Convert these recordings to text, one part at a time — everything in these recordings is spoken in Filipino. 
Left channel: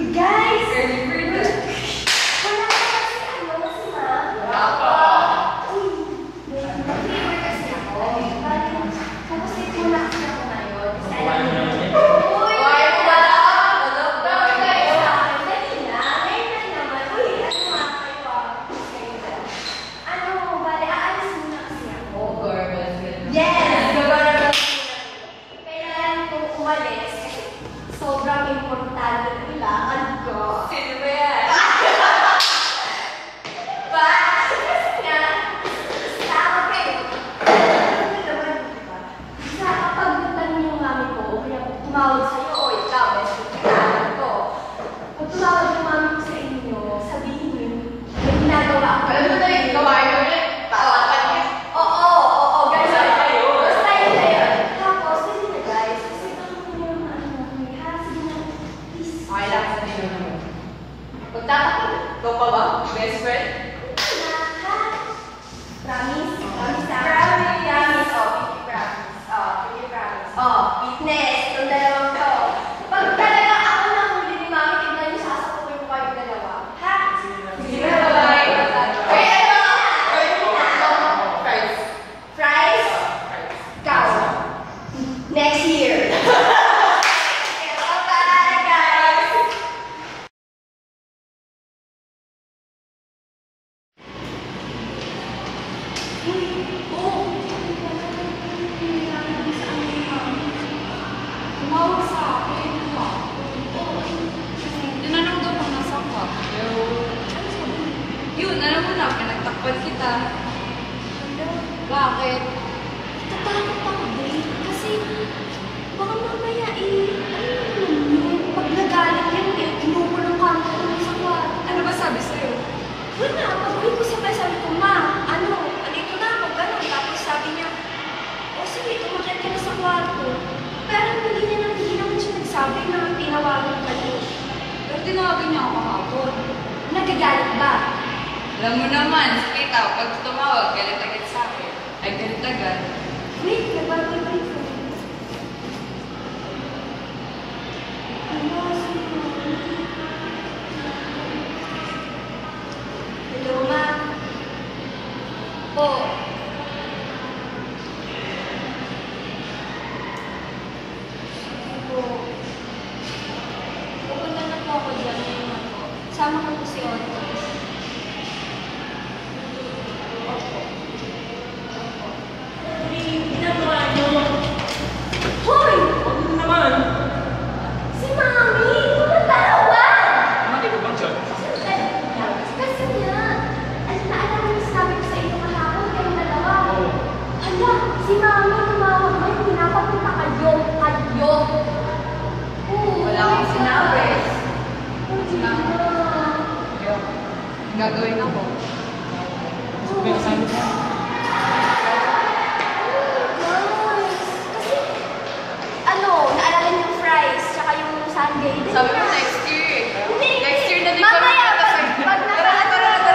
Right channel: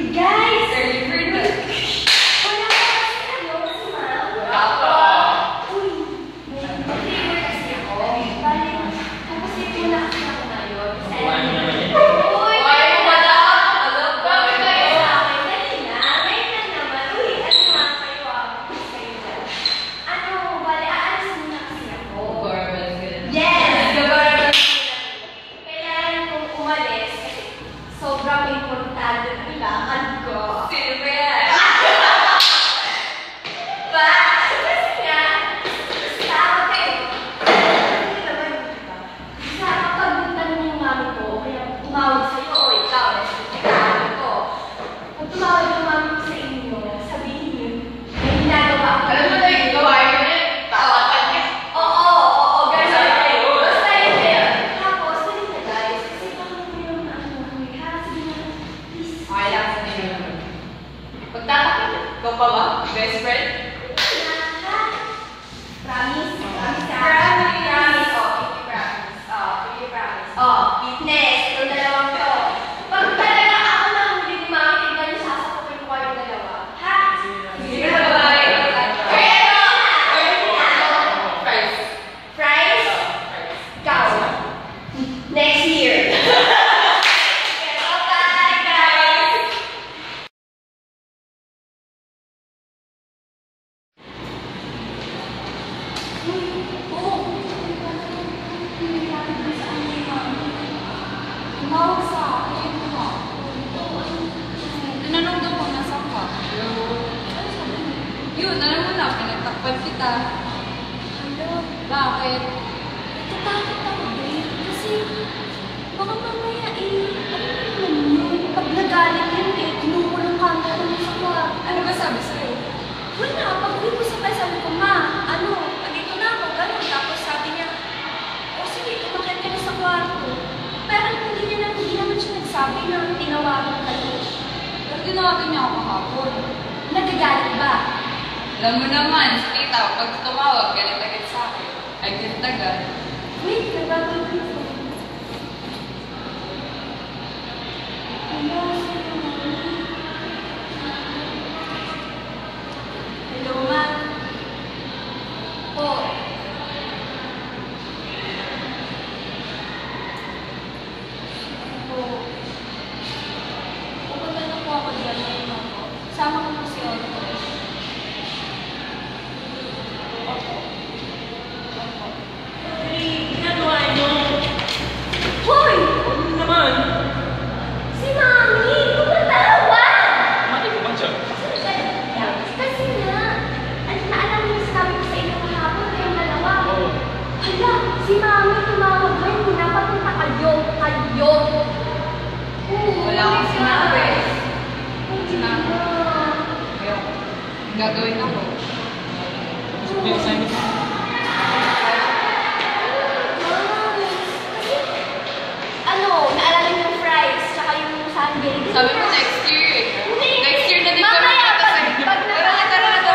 Guys! Wala Wala pa kasi ano, si Ma'am. Wala pa. Uy, may favor kasi ako. Bali, pupusin ko na kasi ako ngayon. Kumain mo naman yan. Uy! Why mo ba daw? Ano? Bakit kayo sa akin? Dali na. Ngayon na naman. Uy, ano nga kayo ah? Kayo na. Ano, bali, aalis muna kasi ako. Garbage ka na. Yes! Gabaragan ko na. Kailangan kong umalis kasi sobrang importante ng kailangan ko. Sino ba yan? Ba? Kasi nga, tawag kayo. Ano naman yun, diba? Sa kapag tanong yung mami ko, o kaya tumawag sa'yo, o ikaw, tawag ko. Pag tumawag yung mami ko sa inyo, sabihin niyo, may ginagawa ako. Alam mo na yung gawain mo yan. Tatapan ka. Oo, guys. Basta yun na yun. Tapos, pwede na guys. Kasi parang yung ano, may harap sige na, please. Okay lang sa ninyo naman. Pagtatapan, ikaw pa ba? Best friend? Promise? Promise ka? Promise. Promise. Fitness. Itong dalawang to. Pag talaga ako nahuli ni Mami, tignan niyo sasapukin ko kayong dalawa. Ha? Sige na, bye. Uy, ano? Fries. Fries? Ikaw. Next year. Bye, guys. Uy, tumawag sa akin. Tinanong daw kung nasaan ka. Yun, alam mo na, pinagtakpan kita. Bakit? Tatakot ako din. Kasi baka mamaya ano naman yun? Pag nagalit yan kinukulong ka mo sa kwarto. Ano ba sabi sa'yo? Wala, pag-uwi ko sa sabi ko, Ma, andito na ako, gano'n. Tapos sabi niya, o sige, tumakit ka na sa kwarto. Pero hindi naman siya nagsabi na tinawagan ka niya. Pero tinawagan niya ako kahapon. Nagagalit ba? Alam mo naman, si tita, pag tumawag, galit agad sa akin. Ay, galit agad. Wait, nagbabalit ko. Hello, hello, Ma. Po. Po. Pupunta na po ako dyan sa mga po. Sama ko po si Otto. Opo. Opo. Ginagawa niyo. Hoy! Ano naman? Si Mami! Tumatawag! Bakit ba dyan? Kasi nga, naalala mo yung sabi ko sa inyo kahapon, kayong dalawa. Oo. Hala, si Mami tumawag ba? Hindi napapunta kayo. Wala akong sinabi. Sinabi. Ayun. Gagawin ako. May assignment na. Naalala niyo yung fries, tsaka yung sundae. Sabi mo next year eh. Hindi. Next year na din kami Mamaya, magkakasal. pag nakakasal ko.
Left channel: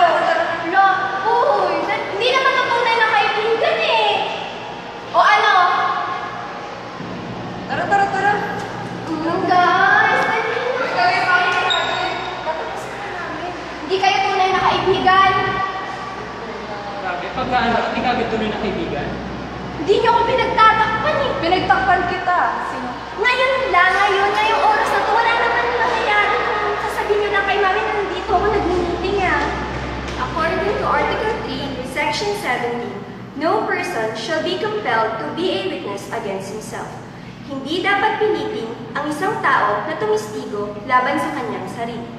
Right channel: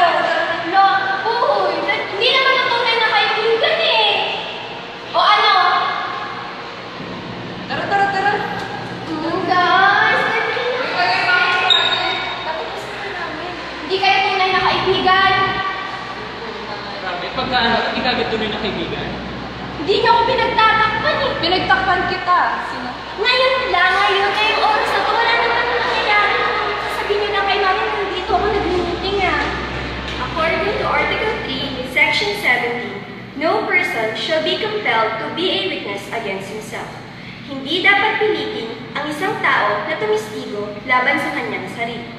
No, uy, hindi naman ang tunay na kaibigan eh. O ano? Tara. Guys, dali na. Uy, kagay bakit project? Dapat kasi namin. Hindi kayo tunay na kaibigan. Grabe, pagka hindi ka agad tuloy na kaibigan. Hindi niyo ako pinagtatakpan eh. Pinagtakpan kita. Sino? Ngayong oras na to, wala naman nangyayari. Sasabihin niyo lang kay Mami na nandito ako nag-meeting ah. According to Article 3, Section 17, no person shall be compelled to be a witness against himself. Hindi dapat pilitin ang isang tao na tumistigo laban sa kanyang sarili.